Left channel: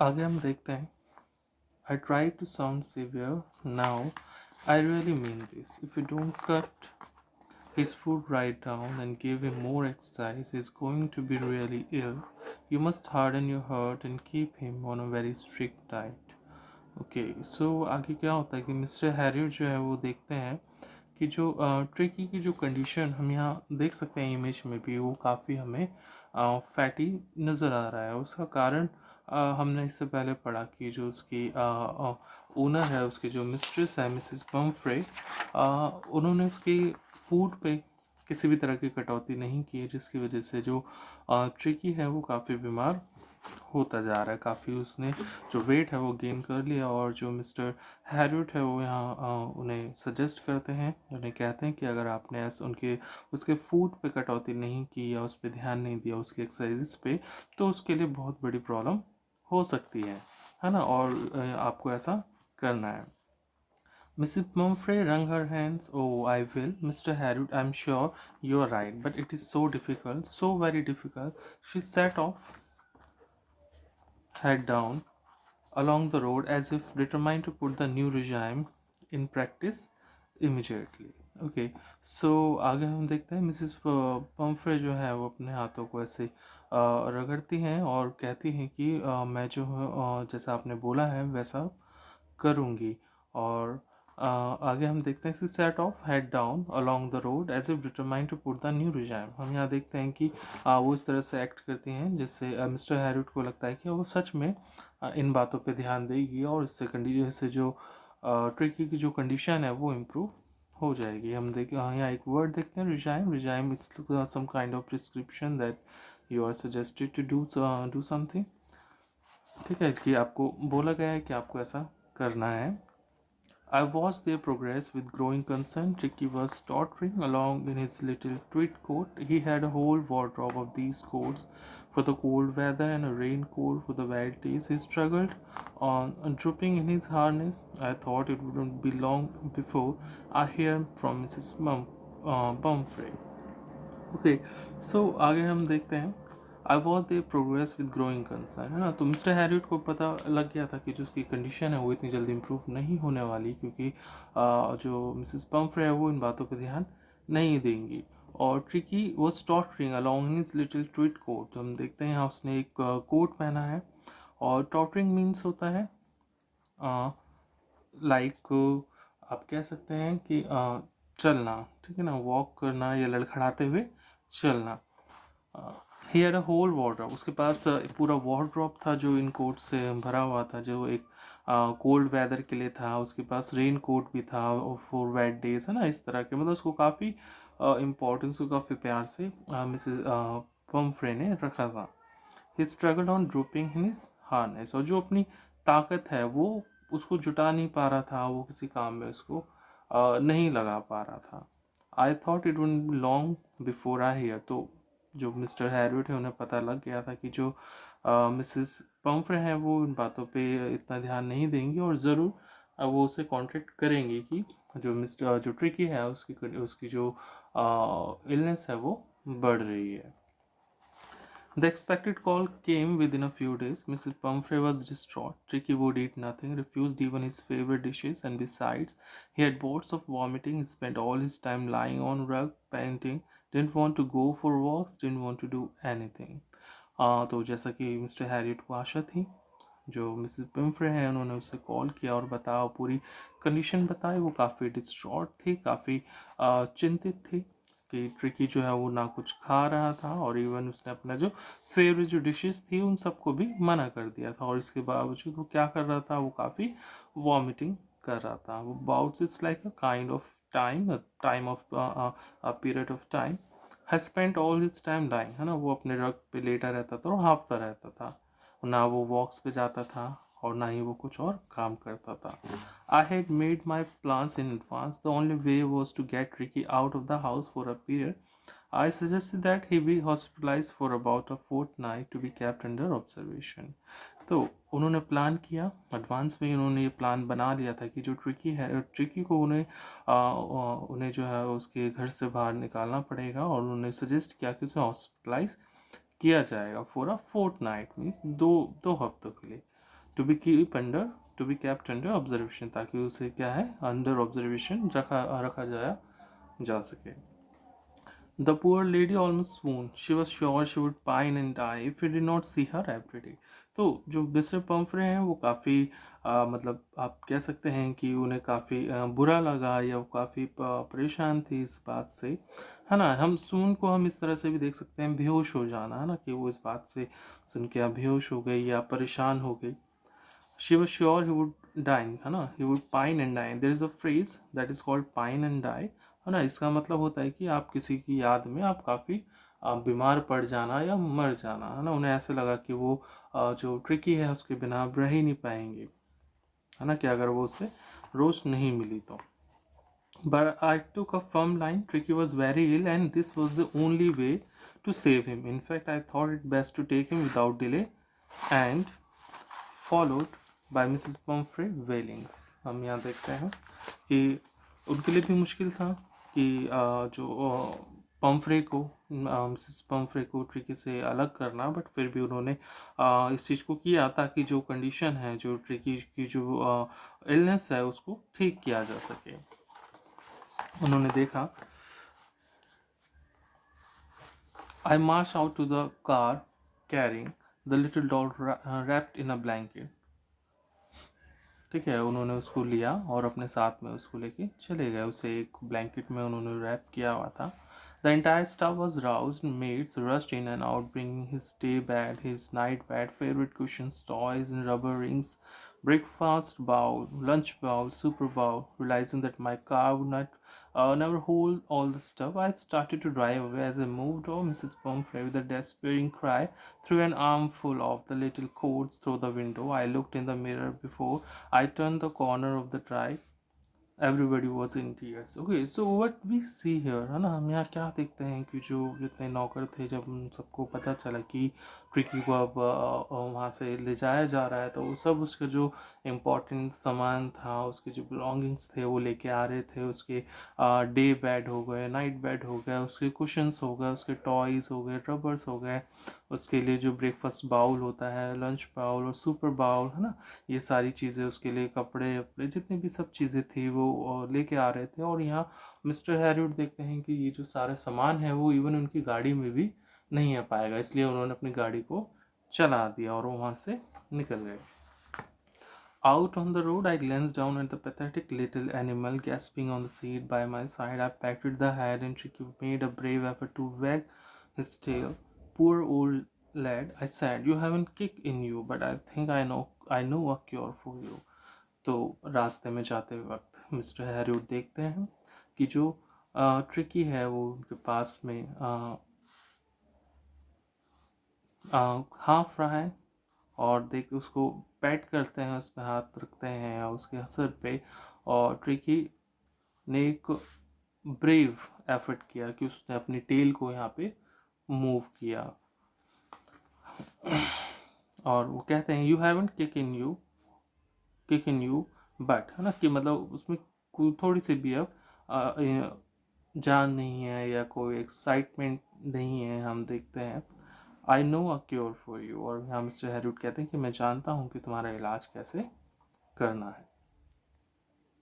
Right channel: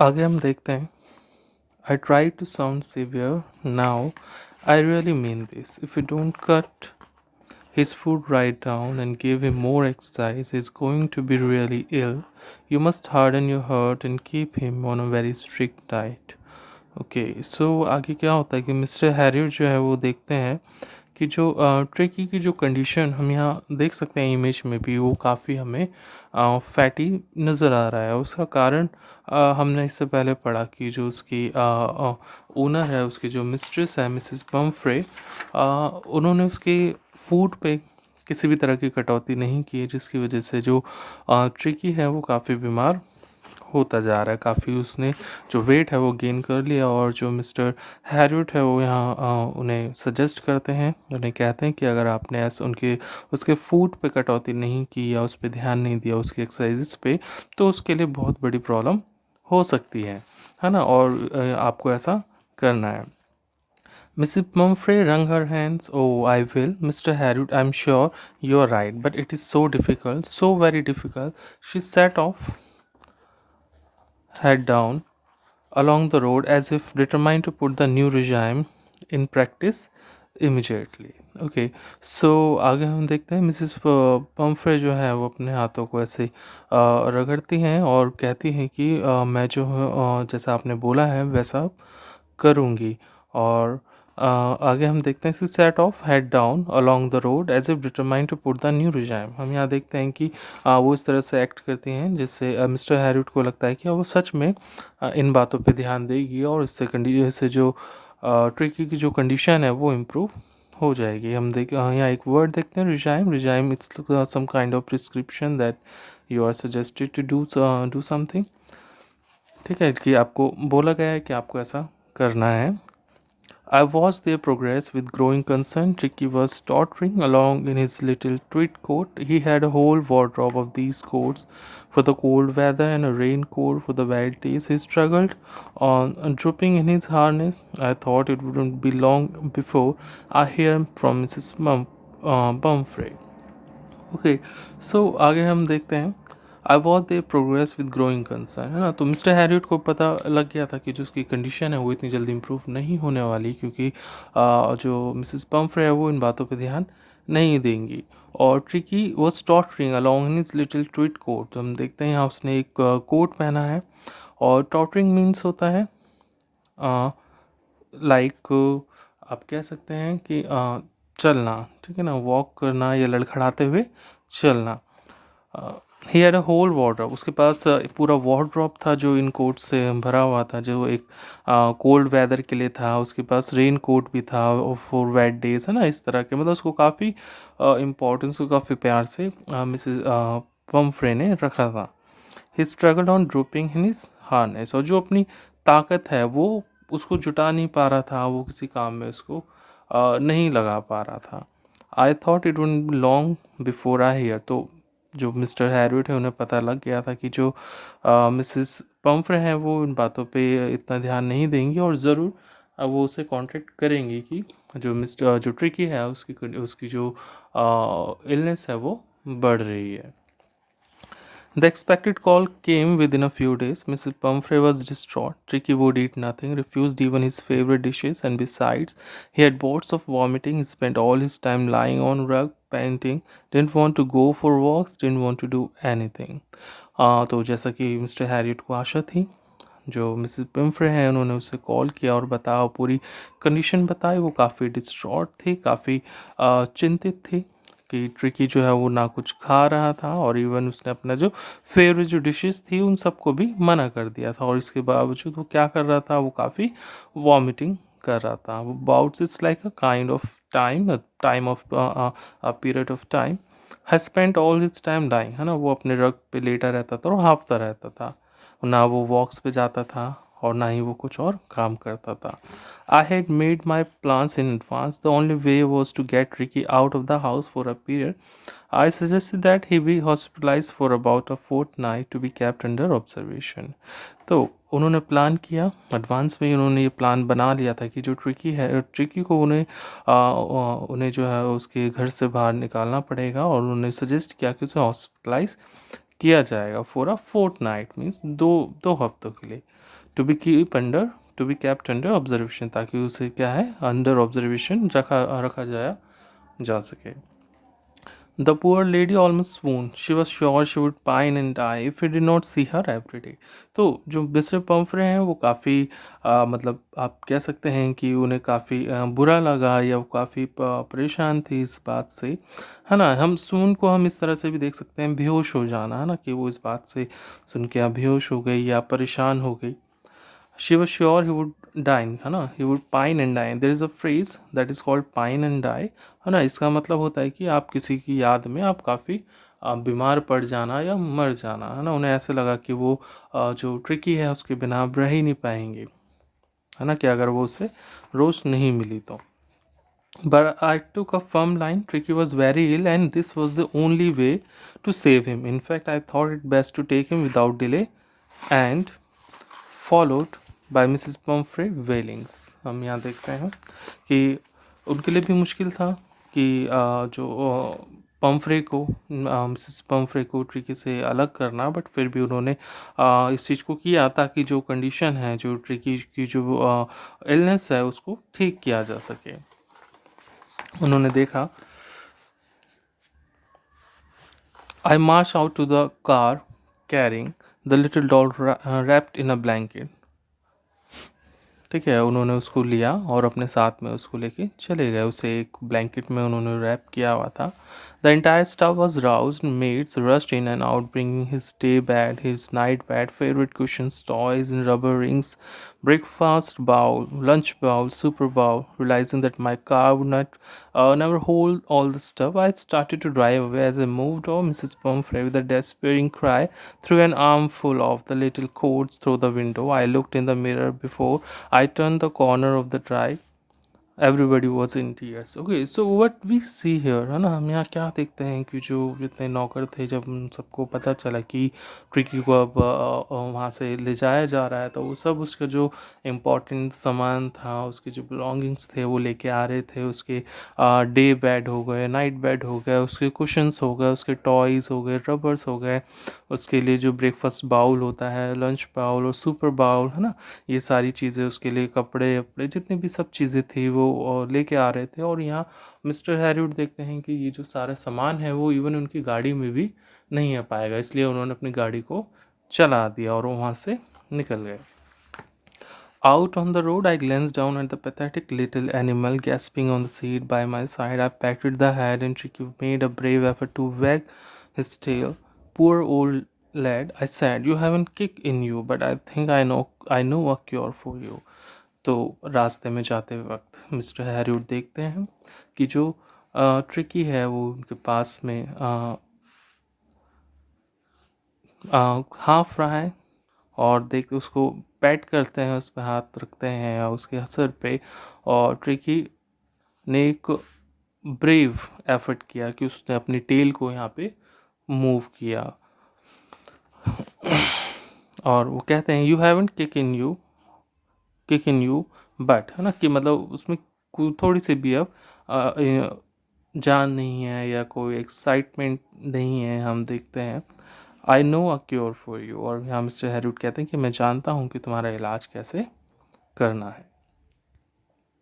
आगे हम देखते हैं। I try to sound severe now. I really mean this. If you don't cut his food right down and give him more exercise, he's going to be really ill. You must harden your heart and keep him on a very strict diet. Okay so आगे क्या होता है कि mister Harrier जो है वो देखते हैं कि जो ट्रेकी की जो कंडीशन हम यहाँ देख सकते हैं इमेज में भी वो काफ़ी हमें फैटी नज़र आ रहा है। उसका कारण हमने इससे पहले पढ़ा कि जो उसकी ओनर है, उसकी जो मिस्ट्रेस है मिसेस पम्फ्रे, उन्होंने उसके फूड पे किसी भी तरह की कटौती नहीं की है, जिसकी वजह से जो ट्रिकी है वो काफ़ी बीमार होता जा रहा है। काफ़ी उसने जो वेट है वो गेन कर लिया और जो मिस्टर हैरियट है वो यहाँ उन्हें सजेस्ट करते हैं, उन्हें कहते हैं कि अगर आपने ऐसे उनके उसके फूड पे कटौती नहीं की या उस पे ध्यान नहीं दिया, उसकी एक्सरसाइज़ पे, तो उसके लिए बहुत बड़ी प्रॉब्लम हो सकती है ना? और आपको ऐसा करना है। Mrs. Pumphrey wrung her hands. Oh, I will, Mr. Harriot. I'm sure you're right, but it is so difficult, so very difficult. She set off, head down, along the road as if determined to put the new regime in practice immediately. Okay so आगे हम देखते हैं Mrs Pomfrey जो है वो अपने हाथों को ऐसे रगड़ती हैं और कहती हैं कि मैं जो है जैसा आपने बोला है वैसा करूँगी। और आगे हम देखते हैं she set off head down along the road as if determined to put the new regime. हम यहाँ देखते हैं कि वो इस तरह से एक्ट करती हैं जिससे मिस्टर हैरिट को लगता है कि वो सच में इन बातों पे ध्यान देगी और इससे जो ट्रिकी की जो कंडीशन है वो इम्प्रूव हो जाएगी। हम यहाँ एक वर्ड देखते हैं regime. Regime it's some kind of prescription that you are suggested to do something. ठीक है कि आपको बोला गया है कि आपको ऐसा करना है। I watched their progress with growing concern. Tricky was tottering along in his little tweed coat. He had a whole wardrobe of these coats for the cold weather and a raincoat for the wild days. He struggled on, drooping in his harness. I thought it wouldn't be long before I hear from Mrs. Pumphrey. Okay so आगे हम देखते हैं I watch they progress with growing concern, है ना? तो mister Harriet को पता लग गया था कि जो उसकी कंडीशन है वो इतनी जल्दी इम्प्रूव नहीं होने वाली, क्योंकि जो मिसेस पम्फ्रे है वो इन बातों पे ध्यान नहीं देंगी। और tricky was tottering along in his little tweed coat. तो हम देखते हैं यहाँ उसने एक कोट पहना है और टॉटरिंग मीन्स होता है लाइक आप कह सकते हैं कि चलना, ठीक है ना? वॉक करना या लड़खड़ाते हुए चलना। He had a whole wardrobe. उसके पास पूरा वार्डरोब था जो इन कोट से भरा हुआ था, जो एक कोल्ड वेदर के लिए था। उसके पास रेन कोट भी था फॉर वेट डेज, है ना? इस तरह के मतलब उसको काफ़ी इम्पोर्टेंस को काफ़ी प्यार से मिसेस पम्फ्रे ने रखा था। He struggled on drooping in his harness. और जो अपनी ताकत है वो उसको जुटा नहीं पा रहा था, वो किसी काम में उसको नहीं लगा पा रहा था। I thought it would long before I hear. तो जो मिस्टर हैरियट है उन्हें पता लग गया था कि जो मिसेस पम्फ्रे हैं वो इन बातों पे इतना ध्यान नहीं देंगी और ज़रूर वो उसे कॉन्टेक्ट करेंगी कि जो मिस्टर जो ट्रिकी है उसकी उसकी जो इलनेस है वो बढ़ रही है। The expected call came within a few days. Mrs. Pumphrey was distraught. Tricky would eat nothing, refused even his favorite dishes, and besides, he had bouts of vomiting. He spent all his time lying on rug, panting, didn't want to go for walks, didn't want to do anything. तो जैसा कि mister Harriet को आशा थी, जो Mrs पिम्फ्रे हैं उन्होंने उसे call किया और बताया, पूरी कंडीशन बताई। वो काफ़ी डिस्ट्रॉट थी, काफ़ी चिंतित थी कि ट्रिकी जो है वो ना कुछ खा रहा था और इवन उसने अपना जो फेवरेट जो डिशेस थी उन सबको भी मना कर दिया था। और इसके बावजूद वो क्या कर रहा था, वो काफ़ी वॉमिटिंग कर रहा था। वो bouts it's like a kind of time of period of time he spent all his time dying, है ना? वो अपने रग पे लेटा रहता था और हाफता रहता था। ना वो वॉक्स पे जाता था और ना ही वो कुछ और काम करता था। I had made my plans in advance. The only way was to get Ricky out of the house for a period. I suggested that he be hospitalized for about a fortnight to be kept under observation. तो उन्होंने plan किया, advance में ही उन्होंने ये plan बना लिया था कि जो ट्रिकी को उन्हें जो है उसके घर से बाहर निकालना पड़ेगा और उन्होंने सजेस्ट किया कि उसे हॉस्पिटलाइज किया जाएगा फॉर अ फोर्टनाइट मीन्स दो हफ्तों के लिए। To be kept under observation, ताकि उसे क्या है अंडर ऑब्जर्वेशन रखा जाया जा सके। The poor lady almost swooned. She was sure she would pine and die if he did not see her every day. तो जो मिस्टर पम्फ्रे हैं वो काफ़ी मतलब आप कह सकते हैं कि उन्हें काफ़ी बुरा लगा, या वो काफ़ी परेशान थी इस बात से, है ना। हम सून को हम इस तरह से भी देख सकते हैं बेहोश हो जाना, है ना, कि वो इस बात से सुन के या बेहोश हो गई या परेशान हो गई। She was sure he would die, है ना, he would pine and die. There is a phrase that is called pine and die, है ना। इसका मतलब होता है कि आप किसी की याद में आप काफ़ी बीमार पड़ जाना या मर जाना, है ना। उन्हें ऐसे लगा कि वो जो ट्रिकी है उसके बिना आप रह ही नहीं पाएंगे, है ना, कि अगर वो उससे रोज नहीं मिली तो। But I took a firm line. Tricky was very ill, and this was the only way to save him. In fact, I thought it best to take him without delay, and followed by Mrs Pumphrey wailings. हम यहाँ देखते हैं कि उनके लिए भी मुश्किल था कि जो पम्फ्रे को मिसिस पम्फ्रे को ट्रिकी से अलग करना, बट फिर भी उन्होंने इस चीज़ को किया ताकि जो कंडीशन है, जो ट्रिकी की जो इलनेस है उसको ठीक किया जा सके। उन्होंने देखा, I marched out to the car carrying the little doll wrapped in a blanket. ठीक है, उन्होंने उसको लिया और अपने साथ में उसको लेके चले गए। उसे एक ब्लैंकेट में उन्होंने रैप किया हुआ था। The entire staff was roused, maids rushed in and out bringing his day bed, his night bed, favourite cushions, toys and rubber rings, breakfast bowl, lunch bowl, super bowl. Realizing that my car would not never hold all the stuff, I started to drive away. As I moved off, Mrs. Pumphrey, with a despairing cry, threw an armful of the little coats through the window. I looked in the mirror before I turned the corner of the drive. Everybody was in tears. Okay, so what we see here, है ना, हम यहाँ क्या देखते हैं कि जो जितने नौकर थे, जब उन सबको पता चला कि ट्रिकी को अब वहाँ से ले जाया जा रहा है, तो वो सब उसका जो इम्पोर्टेंट सामान था, उसके जो बिलोंगिंग्स थे वो लेके आ रहे थे। उसके डे बेड हो गए, नाइट बेड हो गए, उसके कुशंस हो गए, उसके टॉयज़ हो गए, रबर्स हो गए, उसके लिए जो ब्रेकफास्ट बाउल होता है, लंच बाउल और सुपर बाउल, है ना, ये सारी चीज़ें, उसके लिए कपड़े वपड़े जितनी भी सब चीज़ें थी वो लेके आ रहे थे। और यहाँ मिस्टर हैरिवुड देखते हैं कि ये जो सारा सामान है वो इवन उनकी गाड़ी में भी नहीं आ पाएगा, इसलिए उन्होंने अपनी गाड़ी को चला दिया और वो वहाँ से निकल गए। Out on the road, I glanced down at the pathetic little animal gasping on the seat by my side. I patted the head, and Tricky made a brave effort to wag his tail. Poor old lad, I said, you haven't kick in you, but I think I know a cure for you. तो रास्ते में जाते वक्त mister हैरिवुड देखते हैं कि जो tricky है वो उनके पास में हाफ रहा है, और देख उसको पैट करते हैं, उस पर हाथ रखते हैं और उसके सर पे। और ट्रिकी ने एक ब्रेव एफर्ट किया कि उसने अपनी टेल को यहाँ पे मूव किया, और वो कहते हैं you haven't kick in you but, है ना, कि मतलब उसमें थोड़ी सी भी अब जान नहीं है या कोई एक्साइटमेंट नहीं है। हम देखते हैं I know a cure for you, और यहाँ मिस्टर हैरिवुड कहते हैं कि मैं जानता हूँ कि तुम्हारा इलाज कैसे करना है।